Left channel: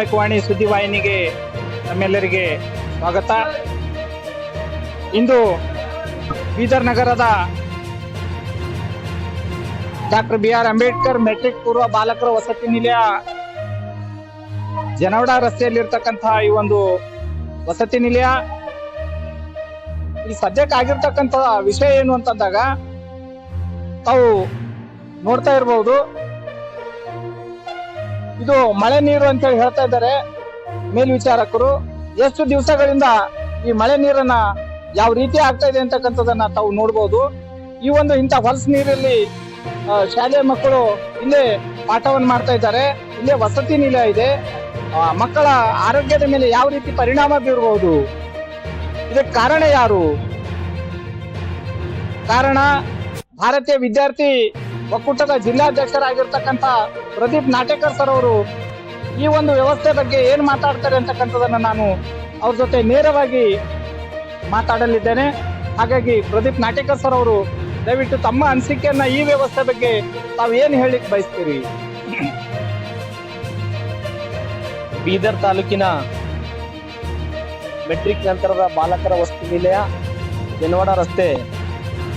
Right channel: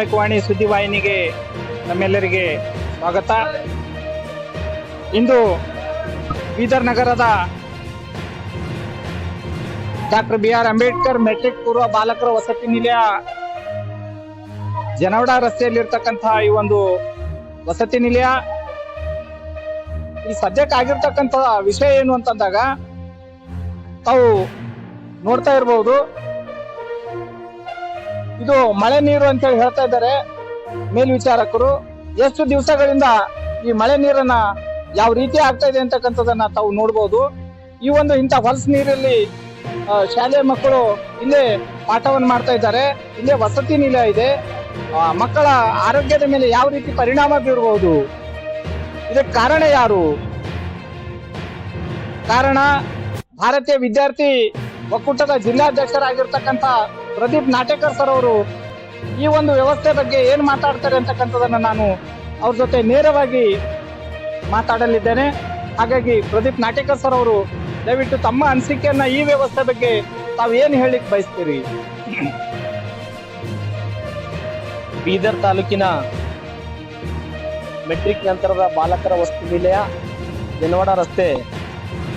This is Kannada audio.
ಪ್ರಾಥಮಿಕ ವಾಣಿ ಸುದ್ದಿವಾಹಿನಿಗೆ ತಮ್ಮೆಲ್ಲರಿಗೆ ಸ್ವಾಗತ. ಇಂದು ಬೀದರ್ ನಗರದ ಡಾಕ್ಟರ್ BR ಅಂಬೇಡ್ಕರ್ ಮೆಟ್ರಿಕ್ ಪೂರ್ವ ಬಾಲಕರ ವಸತಿ ನಿಲಯ ಜನವಡ ರಸ್ತೆಯಲ್ಲಿರ್ತಕ್ಕಂತಹ ಈ ಒಂದು ವಸತಿ ನಿಲಯ, ಈ ಸದ್ಯಕ್ಕೆ ಆಗಿರ್ತಕ್ಕಂಥ ವಿಷಯ ಏನು ಅಂತಂದಾಗ ತಾವು ನೋಡ್ತಾ ಇರಬಹುದು. ಇದು ಮಳೆ ನೀರು ಅಂತ ಹೇಳಿ ಹೇಳ್ತಾ ಇದ್ದಾರೆ ಮೇಲ್ವಿಚಾರಕರು. ಎಷ್ಟು ದಿವಸಗಳಿಂದ ಈ ಮಳೆ ನೀರನ್ನ ಯಾವ ರೀತಿ ಆಗ್ತಾ ಇದೆ ಅಂತಕ್ಕಂಥದನ್ನ ತಾವು ನೋಡಬಹುದು. ಈ ಒಂದು ಇಂಥ ಹೊಲಸು ನೀರಲ್ಲಿ ಶಾಲೆಯ ಮಕ್ಕಳು ಇಲ್ಲೇ ಪಾಠವನ್ನು ಮಾಡ್ತಾ ಇದ್ದಾರೆ. ಇಲ್ಲೇ ವಸತಿ ನಿಲಯ ಇದೆ. ಮಕ್ಕಳ ಆರೋಗ್ಯದ ಮೇಲೆ ಯಾವ ರೀತಿ ಪರಿಣಾಮ ಬೀರಬಹುದು, ಇದಕ್ಕೆ ಕಾರಣ ಯಾರು? ಕಾರಣ ಭಾರತೀಯ ವಿದ್ಯಾರ್ಥಿ ಒಕ್ಕೂಟದ ಜಿಲ್ಲಾಧ್ಯಕ್ಷರಾಗಿರ್ತಕ್ಕಂಥ ಪ್ರದೀಪ್ ನಾಟೇಕರ್ ಸರ್ ಅವರು ಈ ಒಂದು ವ್ಯವಸ್ಥೆ ಬಗ್ಗೆ ಏನ್ ಮಾತಾಡ್ತಾರೆ ಅಂತಕ್ಕಂಥದನ್ನ ನಾನು ಅವ್ರ ಜೊತೆ ನೇರವಾಗಿ ಮಾತಾಡಲಿದ್ದೇನೆ. ಹಾಗಾಗಿ ಪ್ರದೀಪ್ ನಾಟೇಕರ್ ಸರ್ ಅವರು ದಯವಿಟ್ಟು ತಮ್ಮ ಅನಿಸಿಕೆಯನ್ನ ಈ ವ್ಯವಸ್ಥೆ ಬಗ್ಗೆ ತಾವು ಏನ್ ಹೇಳಿಕ್ ಬಯಸ್ತೀರಿ? ಬೀದರ್ ತಾಲೂಕಿನ ಮೆಟ್ರಿಕ್ ನಂತರದ ಬಾಲಕರ ವಸತಿ ನಿಲಯ ಜನವಾಡ ರಸ್ತೆ